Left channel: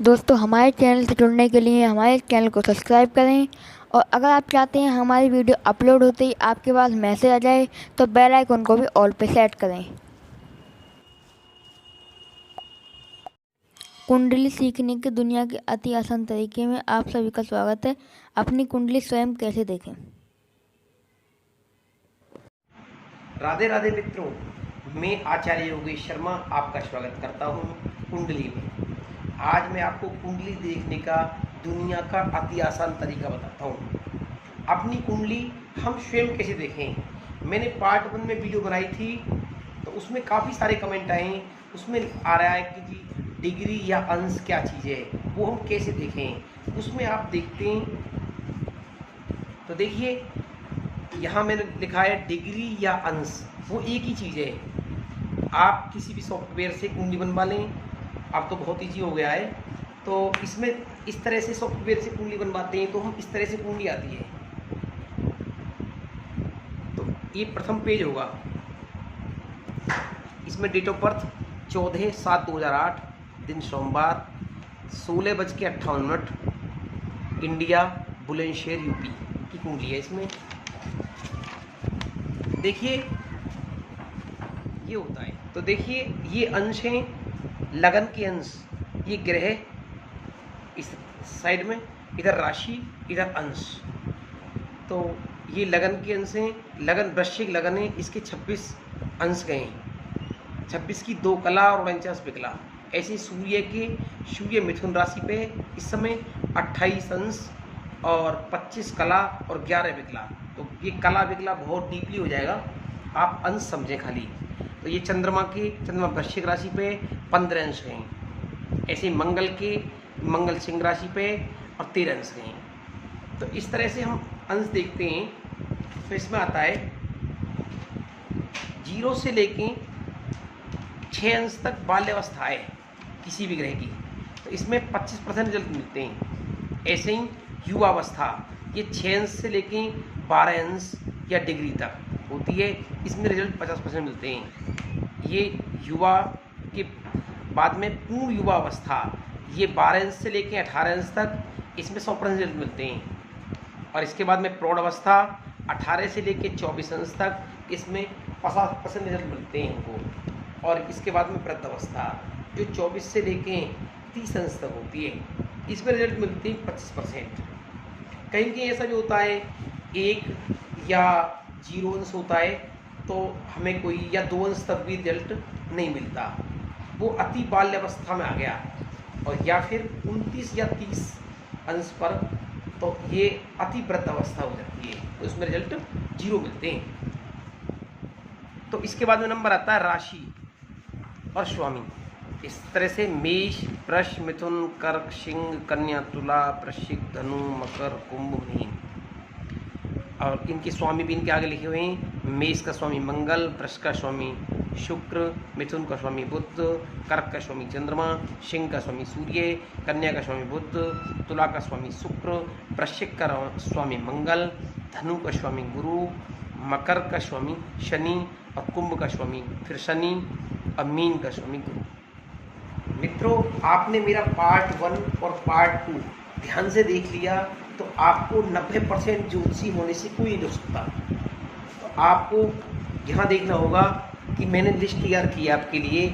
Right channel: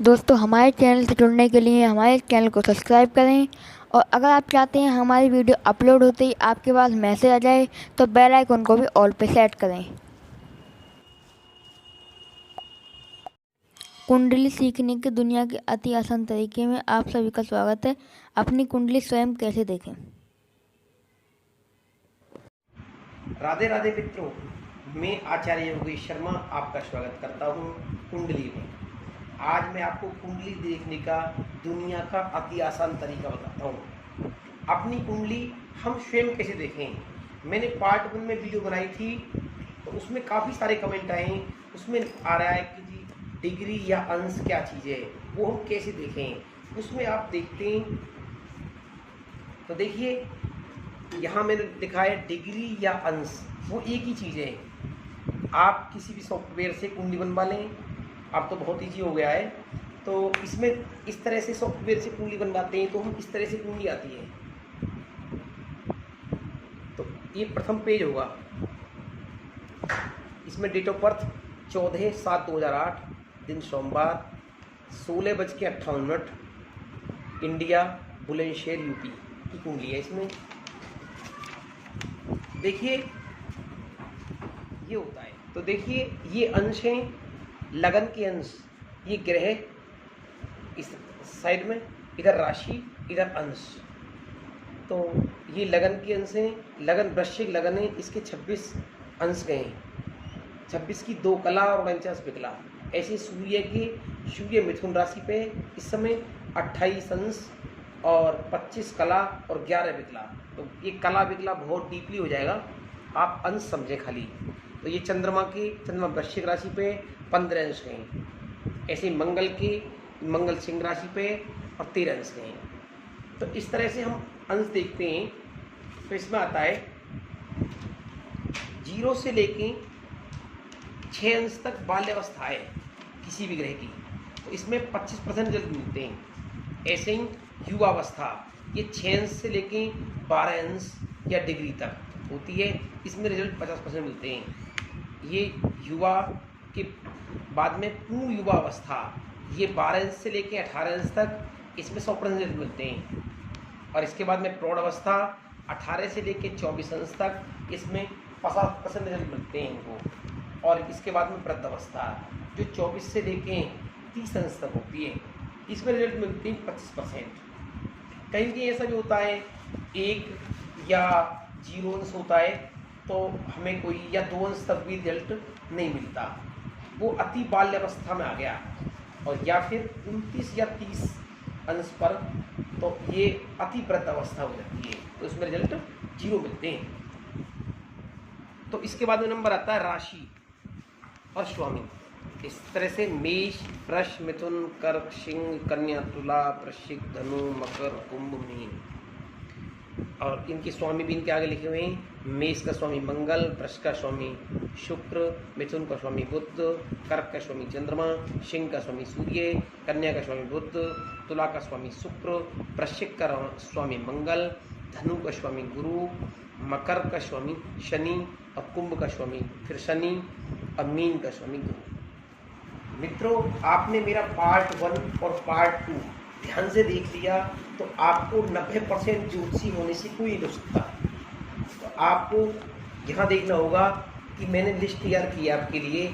दोस्तों, हमारे चैनल से जुड़ने के लिए हमारे चैनल को सब्सक्राइब करें। और अगर आप चाहते हैं हमारी वीडियो अपलोड होते ही आपके पास मैसेज आ जाए तो बेल आइकन को भी ऑल पे सेट करें। कुंडली सीखने की दुनिया के अति आसान तरीके में आप सभी का स्वागत है। अपनी कुंडली स्वयं कैसे देखें। राधे राधे मित्रों, मैं आचार्य योगेश शर्मा आपका स्वागत करता हूं कुंडली में। आज मैं आपको कुंडली देखने का दुनिया का अति आसान तरीका बताता हूं। अपनी कुंडली हम स्वयं कैसे देखें। मैंने पार्ट 1 में वीडियो बनाई थी, तो उसमें काफ़ी सारे कमेंट आए। उसमें आ रहा है कि जी डिग्री या अंश क्या चीज़ है, वो हम कैसे देखें। उसमें आप देखते हैं तो देखिए, यहाँ मैंने लिखा है डिग्री या अंश, वो एक ही चीज़ है। आप किसी भी सॉफ्टवेयर से कुंडली बनवा लें, अब तो बहुत ईजी हो गया है। तो इसमें इस तरह से सॉफ्टवेयर से कुंडली बनवाते हैं तो हम इस तरह से कुंडली आती है। तो ये प्रथम पेज होगा। इसमें डेट ऑफ बर्थ 14/7/2008, दिन सोमवार, 16:58, इंडिया, बुलंदशहर, यूपी की कुंडली है। इसमें देखिए ये होता है। तो देखिए ये अंश हैं, लगन के अंश। ये ग्रह इस साइड में, इधर राशि, इधर अंश। तो ये लगन के अंश हैं। लगन वृश्चिक लगन है, इसके 26 अंश गए हैं। 26 की 2 कला और 49 विकला। ऐसे सूर्य मिथुन राशि पे इस समय 28 अंश और 25 कला और 11 विकला। तो ये कला विकला बहुत डीपली हो जाएगा, आप अंश समझें खाली। तो ये चंद्रमा वृश्चिक राशि पे 15 अंश हैं। ऐसे मंगल सिंह राशि पे और 13 अंश हैं। तो इस तरह से हम अंश देखते हैं। तो इसमें आता है 0 से लेके 6 अंश तक बाल्यावस्था है किसी भी ग्रह की। तो इसमें 25% रिजल्ट मिलते हैं। ऐसे ही युवावस्था, ये 6 अंश से लेके 12 अंश या डिग्री तक होती है। इसमें रिजल्ट 50% मिलते हैं। ये युवा के बाद में पूर्ण युवावस्था, ये 12 अंश से लेके 18 अंश तक, इसमें 100% रिजल्ट मिलते हैं। और इसके बाद में प्रौढ़ अवस्था 18 से लेके 24 अंश तक, इसमें 50% रिजल्ट मिलते हैं इनको। और इसके बाद में वृद्ध अवस्था जो 24 से लेके 30 अंश तक होती है, इसमें रिजल्ट मिलते हैं 25%। कहीं कहीं ऐसा भी होता है 1 या 0 अंश होता है, तो हमें कोई या 2 अंश तक भी रिजल्ट नहीं मिलता, वो अति बाल्यावस्था में आ गया। और या फिर 29 या 30 अंश पर, तो ये अति वृद्ध अवस्था हो जाती है, तो उसमें रिजल्ट 0 मिलते हैं। तो इसके बाद में नंबर आता है राशि और स्वामी। इस तरह से मेष, वृष, मिथुन, कर्क, सिंह, कन्या, तुला, वृश्चिक, धनु, मकर, कुंभ, मीन। और इनके स्वामी भी इनके आगे लिखे हुए हैं। मेष का स्वामी मंगल, वृष का स्वामी शुक्र, मिथुन का स्वामी बुध, कर्क का स्वामी चंद्रमा, सिंह का स्वामी सूर्य, कन्या का स्वामी बुध, तुला का स्वामी शुक्र, वृश्चिक का स्वामी मंगल, धनु का स्वामी गुरु, मकर का स्वामी शनि और कुंभ का स्वामी फिर शनि और मीन का स्वामी गुरु। मित्रों, आपने मेरा पार्ट 1 और पार्ट 2 ध्यान से देख लिया तो आपको 90% ज्योतिषी होने से कोई नहीं हो सकता। तो आपको यहाँ देखना होगा कि मैंने लिस्ट तैयार की है आपके लिए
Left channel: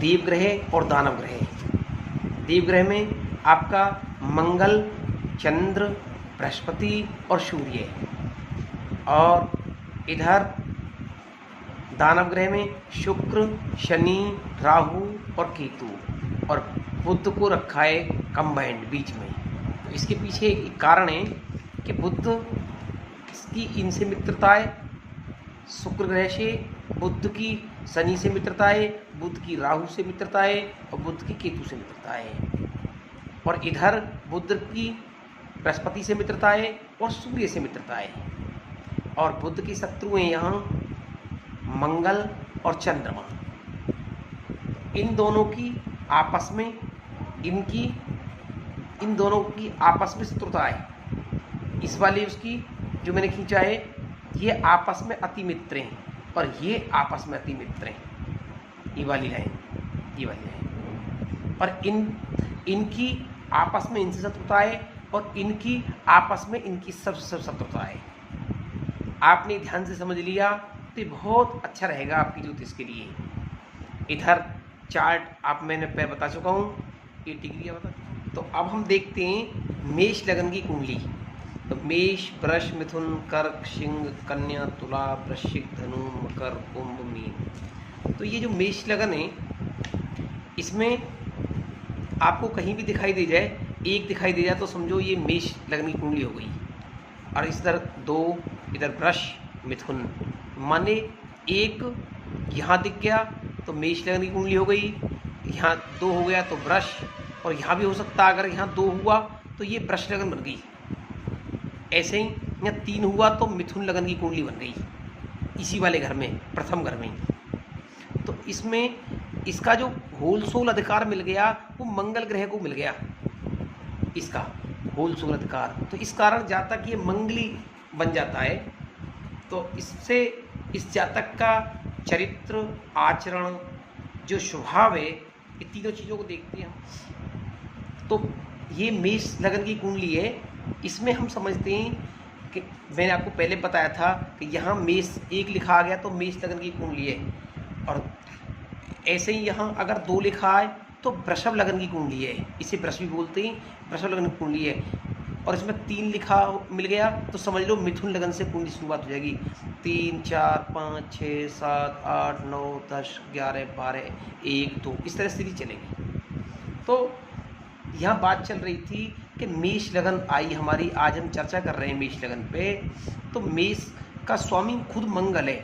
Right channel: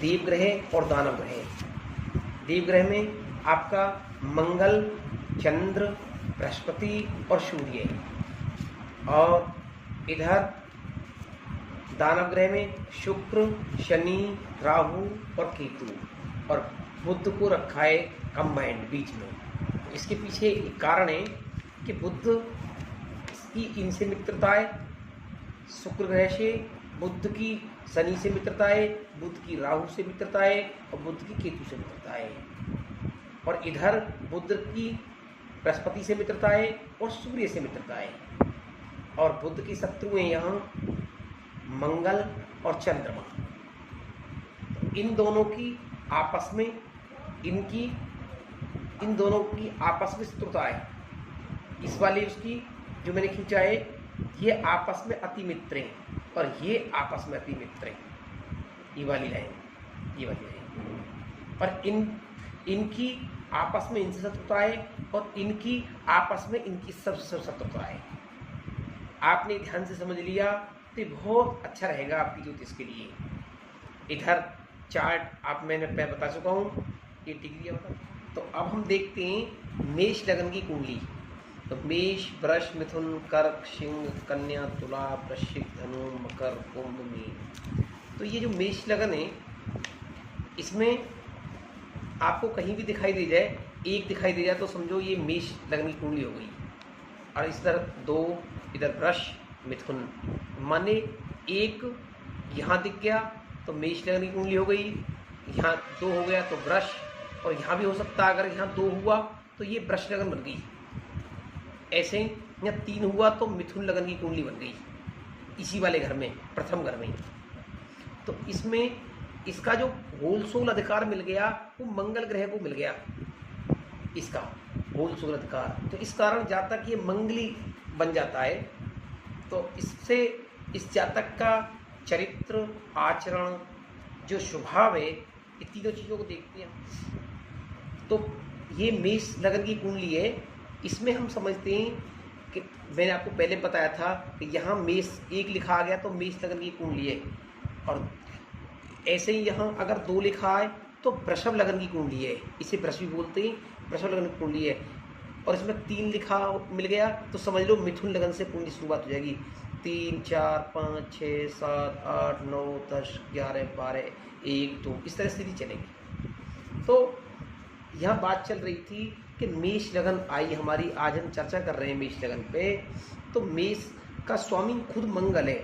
देवग्रह और दानव ग्रह। देवग्रह में आपका मंगल, चंद्र, बृहस्पति और सूर्य, और इधर दानव ग्रह में शुक्र, शनि, राहु और केतु, और बुध को रखा है कंबाइंड बीच में। इसके पीछे एक कारण है कि बुध की इनसे मित्रता है, शुक्र ग्रह से, बुध की शनि से मित्रता है, बुध की राहु से मित्रता है और बुध की केतु से मित्रता है। और इधर बुध की बृहस्पति से मित्रता है और सूर्य से मित्रता है। और बुध के शत्रु हैं यहाँ मंगल और चंद्रमा। इन दोनों की आपस में शत्रुता है। इस वाली उसकी जो मैंने खींचा है, ये आपस में अति मित्र हैं और ये आपस में अति मित्र हैं। ये वाली लाइन और इनकी आपस में इनसे शत्रुता है और इनकी आपस में इनकी सबसे शत्रुता है। आपने ध्यान से समझ लिया तो ये बहुत अच्छा रहेगा आपकी ज्योतिष के लिए। इधर चार्ट आप मैंने बता चुका हूँ, ये डिग्री बता। तो अब हम देखते हैं मेष लगन की कुंडली। तो मेष, वृष, मिथुन, कर्क, सिंह, कन्या, तुला, वृश्चिक, धनु, मकर, कुंभ, मीन। तो ये जो मेष लगन है, इसमें आपको कहीं भी दिखाई दे जाए, एक दिखाई दे जाए तो समझो ये मेष लगन की कुंडली हो गई। और इधर 2, इधर वृष, मिथुन, माने एक यहाँ दिख गया तो मेष लगन की कुंडली हो गई, यहाँ 2 हो गया तो वृष, और यहाँ भी हो सकता है अगर यहाँ 2 हुआ तो ये वृष लगन बन गई। ऐसे ही यहाँ 3 हुआ तो मिथुन लगन की कुंडली बन गई इसी वाले घर में, प्रथम घर में। तो इसमें इसका जो होल सोल अधिकार मिल गया वो मंगल ग्रह को मिल गया, इसका होल सोल अधिकार। तो इस कारण जातक ये मंगली बन जाता है। तो इससे इस जातक का चरित्र, आचरण, जो स्वभाव है, ये तीनों चीज़ों को देखते हैं। तो ये मेष लगन की कुंडली है। इसमें हम समझते हैं कि मैंने आपको पहले बताया था कि यहाँ मेष 1 लिखा आ गया तो मेष लगन की कुंडली है, और ऐसे ही यहाँ अगर 2 लिखा है तो वृषभ लगन की कुंडली है, इसे वृष भी बोलते हैं, वृषभ लगन की कुंडली है। और इसमें 3 लिखा मिल गया तो समझ लो मिथुन लगन से कुंडली शुरुआत हो जाएगी। 3, 4, 5, 6, 7, 8, 9, 10, 11, 12, 1, 2, इस तरह स्थिति चलेगी। तो यहाँ बात चल रही थी कि मेष लगन आई हमारी, आज हम चर्चा कर रहे हैं मेष लगन पे। तो मेष का स्वामी खुद मंगल है,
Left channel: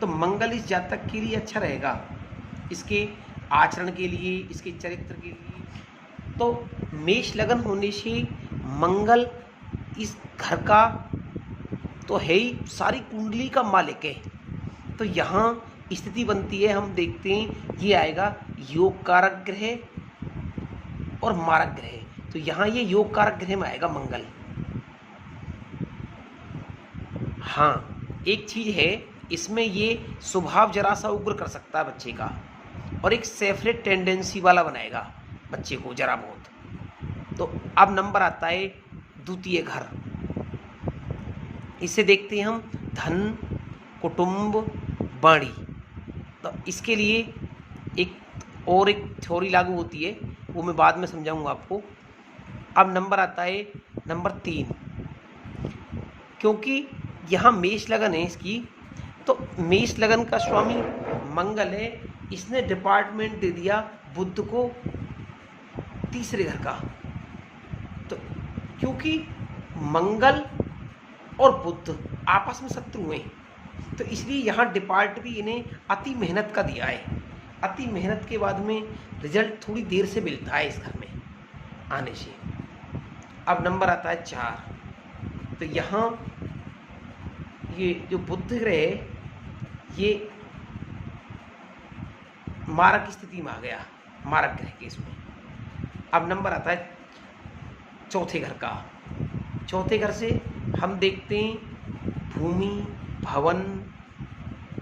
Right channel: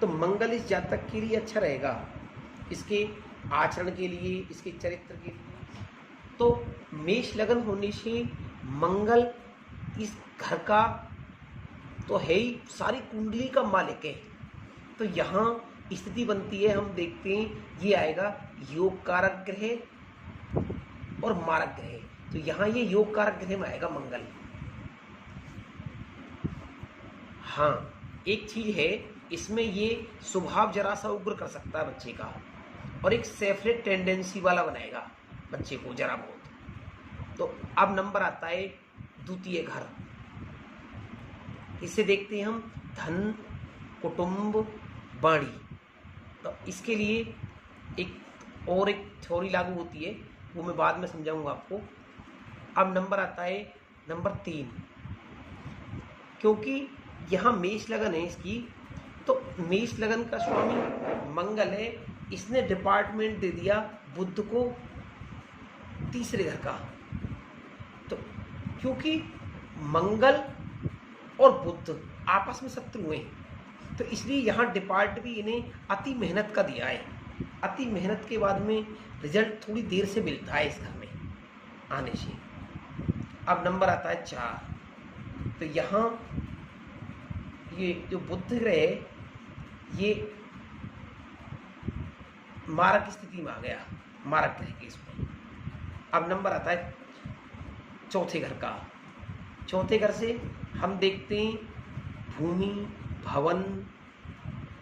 तो मंगल इस जातक के लिए अच्छा रहेगा, इसके आचरण के लिए, इसके चरित्र के लिए। तो मेष लगन होने से मंगल इस घर का तो है ही, सारी कुंडली का मालिक है। तो यहाँ स्थिति बनती है, हम देखते हैं ये आएगा योग कारक ग्रह और मारक ग्रह। तो यहाँ ये योग कारक ग्रह में आएगा मंगल। हाँ, एक चीज है इसमें, ये स्वभाव जरा सा उग्र कर सकता है बच्चे का, और एक सेफरेट टेंडेंसी वाला बनाएगा बच्चे को जरा बहुत। तो अब नंबर आता है द्वितीय घर। इसे देखते हैं हम धन, कुटुंब, वाणी। तो इसके लिए एक थ्योरी लागू होती है, वो मैं बाद में समझाऊंगा आपको। अब नंबर आता है नंबर 3, क्योंकि यहाँ मेष लगन है इसकी, तो मेष लगन का स्वामी मंगल है, इसने डिपार्टमेंट दे दिया बुध को तीसरे घर का। तो क्योंकि मंगल और बुध आपस में शत्रु हैं, तो इसलिए यहाँ डिपार्ट भी इन्हें अति मेहनत का दिया है। अति मेहनत के बाद में रिजल्ट थोड़ी देर से मिलता है इस घर में आने से। अब नंबर आता है 4। तो यहाँ ये जो बुध ग्रह है ये मारक स्थिति में आ गया, मारक ग्रह के इसमें। अब नंबर आता है चौथे घर का। चौथे घर से हम देखते हैं भूमि, भवन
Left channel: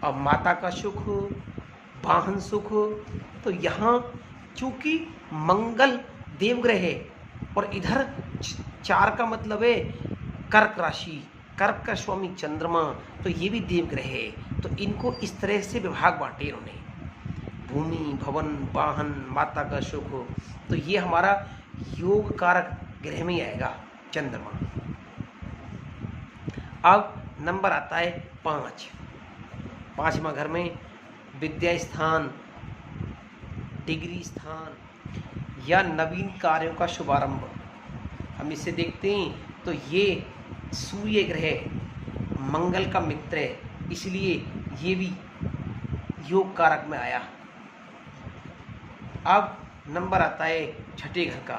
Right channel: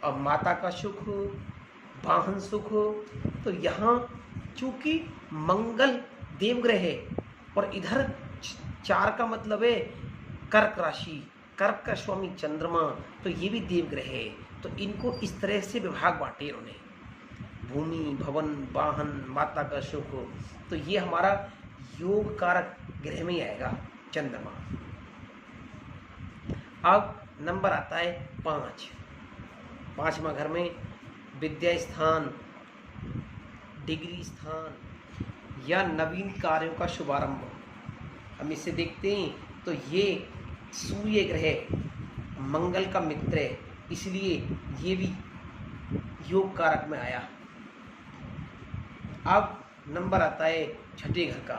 और माता का सुख, वाहन सुख। तो यहाँ चूंकि मंगल देवग्रह है और इधर 4 का मतलब है कर्क राशि, कर्क का स्वामी चंद्रमा, तो ये भी देवग्रह है। तो इनको इस तरह से विभाग बांटे उन्होंने, भूमि, भवन, वाहन, माता का सुख। तो ये हमारा योग कारक ग्रह में आएगा चंद्रमा। अब नंबर आता है 5। 5वां घर में विद्या स्थान, डिग्री स्थान या नवीन कार्यों का शुभारंभ। हम इसे देखते हैं तो ये सूर्य ग्रह मंगल का मित्र है, इसलिए ये भी योग कारक में आया। अब नंबर आता है छठे घर का।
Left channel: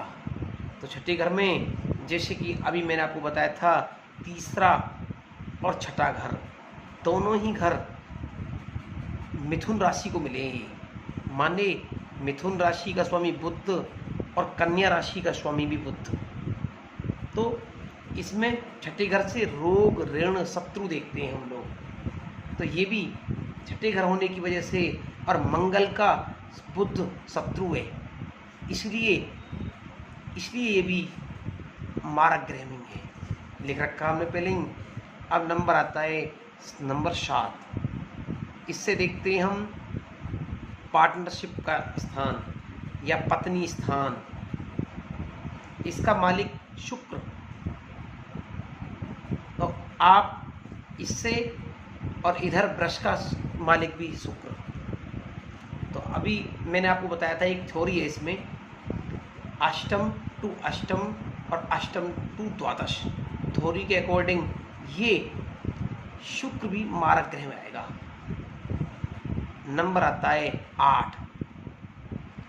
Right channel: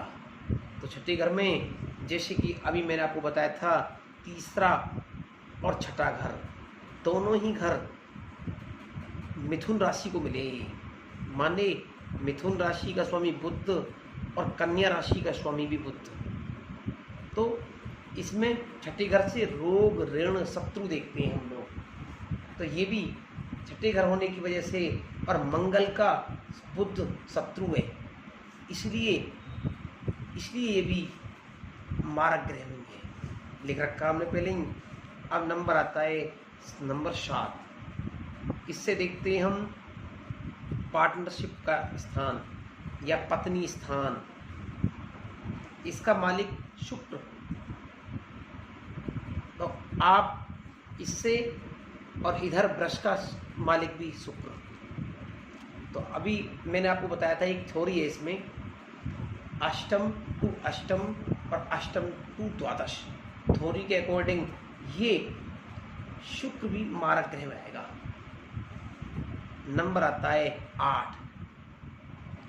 तो छठे घर में जैसे कि अभी मैंने आपको बताया था, तीसरा और छठा घर, दोनों ही घर मिथुन राशि को मिले हैं। माने मिथुन राशि का स्वामी बुध और कन्या राशि का स्वामी भी बुध। तो इसमें छठे घर से रोग, ऋण, शत्रु देखते हैं हम लोग। तो ये भी छठे घर होने की वजह से, और मंगल का बुध शत्रु है, इसलिए इसलिए ये भी मारक ग्रह में है, लिख रखा हमने पहले ही। अब नंबर आता है नंबर 7। इससे देखते हैं हम पार्टनरशिप का स्थान या पत्नी स्थान। इसका मालिक शुक्र, तो आप इससे, और इधर वृष का मालिक भी शुक्र। तो अभी मैंने आपको बताया था एक थ्योरी है इसमें, अष्टम टू अष्टम और अष्टम टू द्वादश थ्योरी के अकॉर्डिंग ये शुक्र भी मारक ग्रह में आएगा। नंबर आता है 8,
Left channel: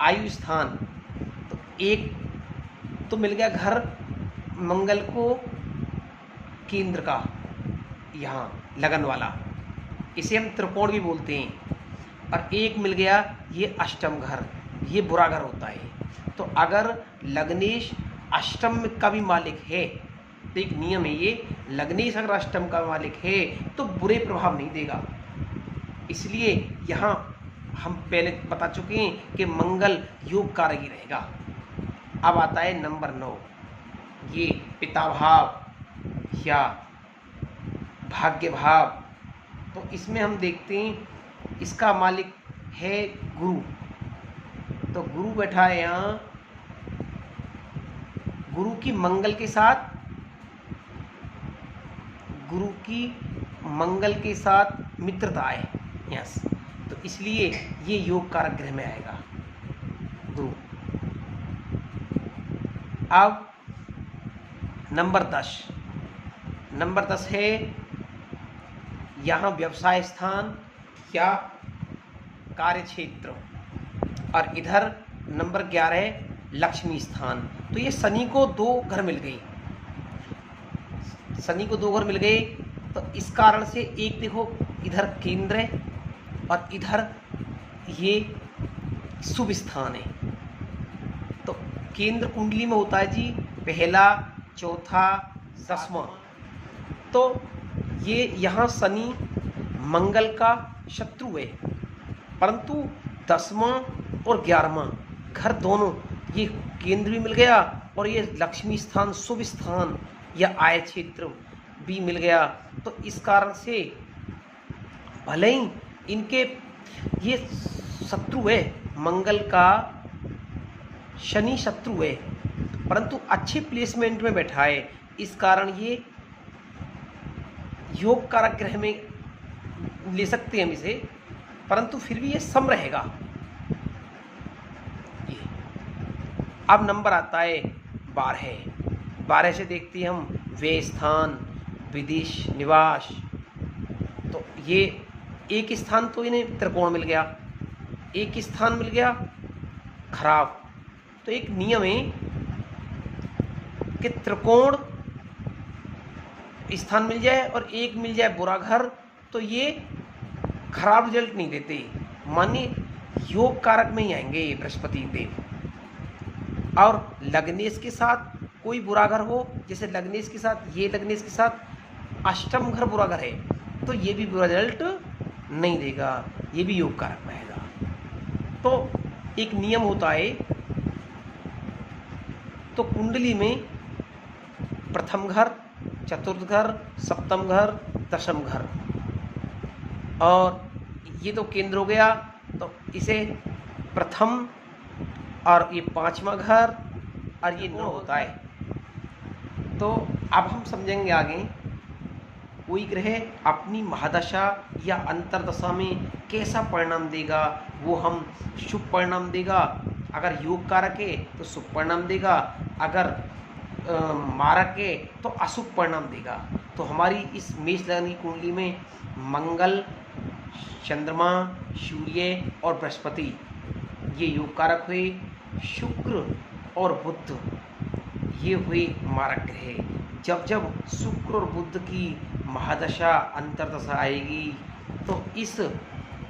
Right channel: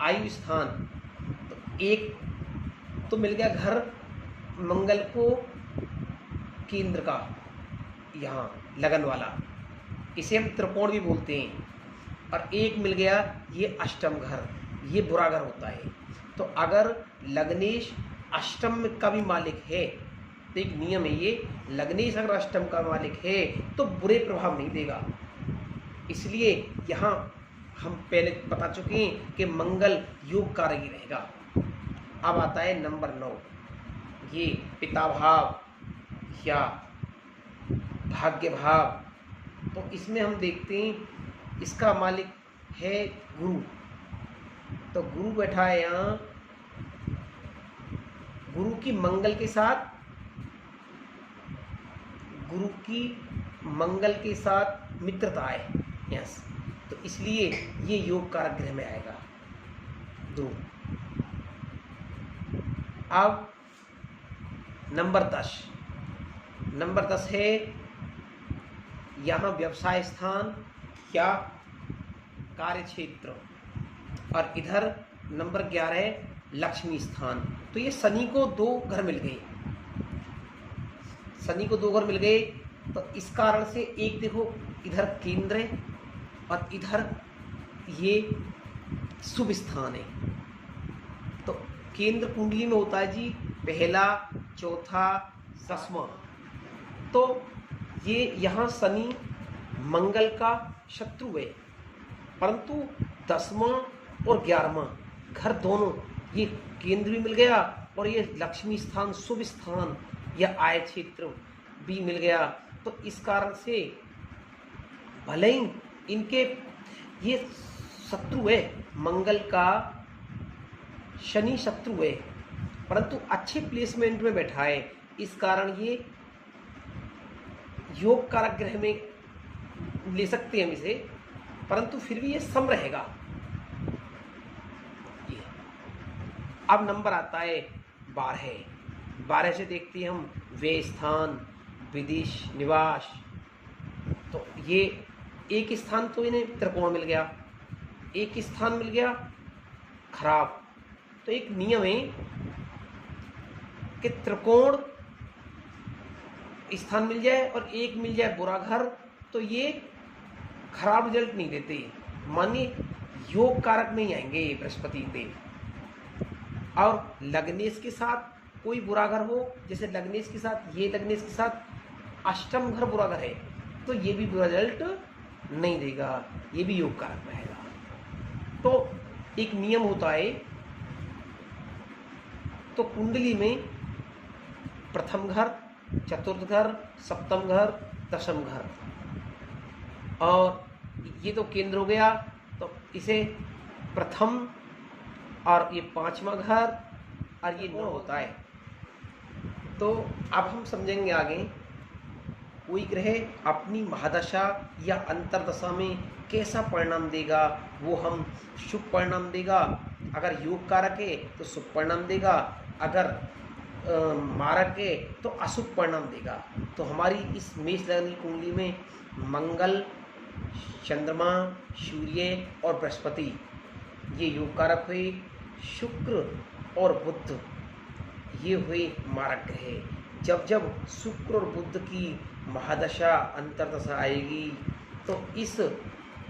आयु स्थान। तो एक तो मिल गया घर मंगल को केंद्र का, यहाँ लगन वाला, इसे हम त्रिकोण भी बोलते हैं। और एक मिल गया ये अष्टम घर, ये बुरा घर होता है। तो अगर लग्नेश अष्टम का भी मालिक है, तो एक नियम है ये, लग्नेश अगर अष्टम का मालिक है तो बुरे प्रभाव नहीं देगा। इसलिए यहाँ हम पहले बता चुके हैं कि मंगल योग कारक ही रहेगा। अब आता है नंबर 9, ये पिता भाव या भाग्य भाव। तो इसमें हम देखते हैं इसका मालिक है गुरु। तो गुरु बैठा है यहाँ, गुरु की मंगल के साथ मित्रता है, यस। तो इसलिए ये योग कारक ग्रह में आएगा गुरु। अब नंबर 10 है यहाँ व्यवसाय स्थान या कार्य क्षेत्र, और इधर नंबर 11 है लक्ष्मी स्थान। तो ये शनि को 2 घर मिल गए, तो इस कारण से एक देखो इधर केंद्र है और इधर ये शुभ स्थान है। तो केंद्र कुंडली में होता है जी पहला, चौथा, 10वां। तो ये यहाँ शनि मंगल का शत्रु है, परंतु 10वां और 11वां घर दोनों, ये केंद्र भी मिल गया और ये लक्ष्मी स्थान, शुभ स्थान या आय क्षेत्र भी मिल गया। तो इस कारण से भले ही इनके ये शत्रु है, मंगल का शनि शत्रु है, परंतु अच्छे प्लेसमेंट में बैठा है, इस कारण ये योग कारक ग्रह में ले सकते हैं हम इसे, परंतु फिर भी ये सम रहेगा। ये अब नंबर आता है 12 से देखते हैं हम व्यय स्थान, विदेश निवास। तो ये एक स्थान तो इन्हें त्रिकोण मिल गया, एक स्थान मिल गया खराब। तो एक नियम है कि त्रिकोण स्थान मिल जाए और एक मिल जाए बुरा घर, तो ये खराब रिजल्ट नहीं देते, मानिए योग कारक में ही आएंगे बृहस्पति देव। और लग्नेश के साथ कोई बुरा घर हो, जैसे लग्नेश के साथ ये लग्नेश के साथ अष्टम घर बुरा घर है, तो ये भी बुरा रिजल्ट नहीं देगा, ये भी योग कारक में आएगा। तो एक नियम होता है, तो कुंडली में प्रथम घर, चतुर्थ घर, सप्तम घर, दशम घर, और ये तो केंद्र हो गया, तो इसे प्रथम और ये 5वां घर और ये 9 होता है। तो अब हम समझेंगे आगे कोई ग्रह अपनी महादशा या अंतरदशा में कैसा परिणाम देगा। वो हम शुभ परिणाम देगा, अगर योग कारक है तो शुभ परिणाम देगा, अगर मारक है तो अशुभ परिणाम देगा। तो हमारी इस मेष लग्न की कुंडली में मंगल, चंद्रमा, सूर्य और बृहस्पति ये योग कारक हुए, शुक्र और बुध ये हुए मारक ग्रह। जब जब शुक्र और बुध की महादशा अंतरदशा आएगी तो इस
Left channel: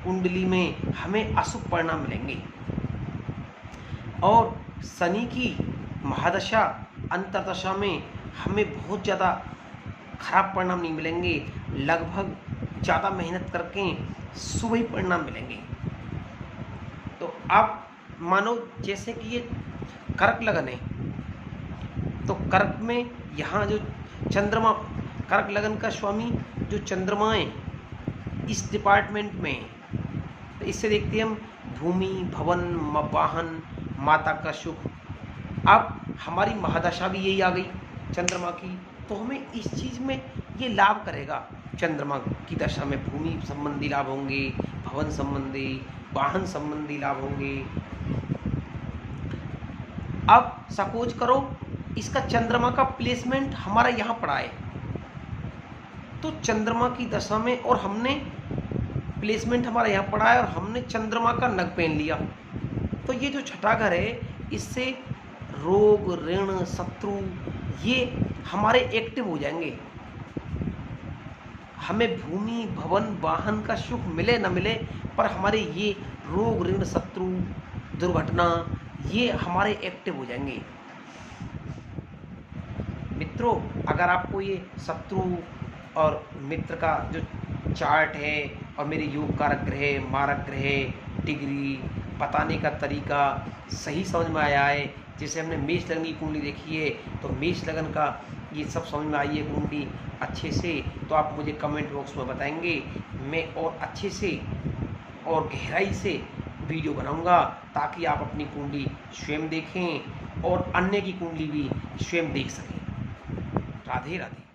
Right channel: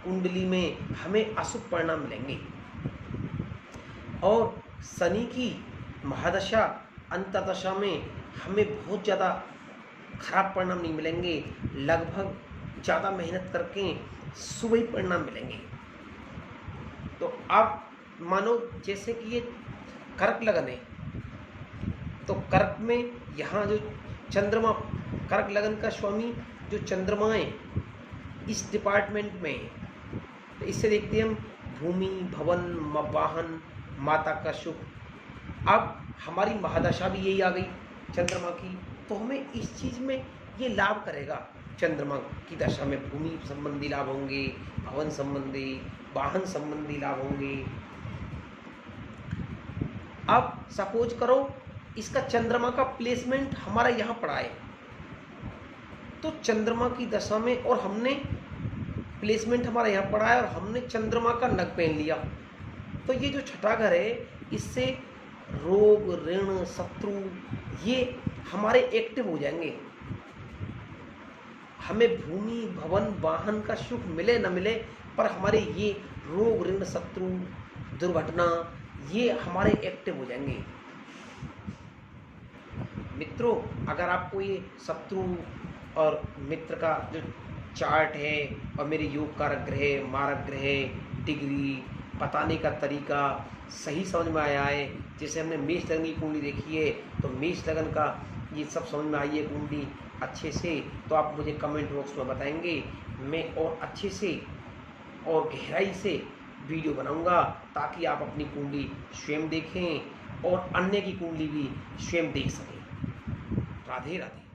कुंडली में हमें अशुभ परिणाम मिलेंगे, और शनि की महादशा अंतरदशा में हमें बहुत ज़्यादा खराब परिणाम नहीं मिलेंगे, लगभग ज़्यादा मेहनत करके शुभ ही परिणाम मिलेंगे। तो आप मानो जैसे कि ये कर्क लगन है, तो कर्क में यहाँ जो चंद्रमा, कर्क लगन का स्वामी जो चंद्रमा है इस डिपार्टमेंट में, तो इससे देखते हैं हम भूमि, भवन, वाहन, माता का सुख। अब हमारी महादशा भी यही आ गई चंद्रमा की, तो हमें इस चीज़ में ये लाभ करेगा। चंद्रमा की दशा में भूमि संबंधी लाभ होंगे, भवन संबंधी, वाहन संबंधी लाभ होंगे। अब सपोज करो इसका चंद्रमा का प्लेसमेंट हमारा यहाँ पड़ा है, तो चंद्रमा की दशा में और हमने प्लेसमेंट हमारा यहाँ पड़ा है और हमने चंद्रमा का नग पहन लिया, तो ये जो छठा घर है इससे रोग, ऋण, शत्रु ये हमारे एक्टिव हो जाएंगे। हमें भूमि, भवन, वाहन का सुख मिले न मिले, पर हमारे ये रोग, ऋण, शत्रु, दुर्घटना ये हमारे एक्टिव हो जाएंगे। मित्रों, अगर आपको ये शत्रु और मित्र का जो चार्ट है और मेरे योग कारक ग्रह, मारक ग्रह, डिग्री बताने का तरीका सही समझ में आया है, जैसे हमने मेष लगन की कुंडली देखी है, तो मेष लगन का ये सब समझ में आई है कुंडली अच्छे से, तो आप मुझे कमेंट बॉक्स में बताएंगे। मैं और अच्छे से और गहराई से वीडियो बनाऊंगा ताकि आप अपनी कुंडली स्वयं देखें और अन्य की कुंडली भी स्वयं देख सकें। राधे राधे।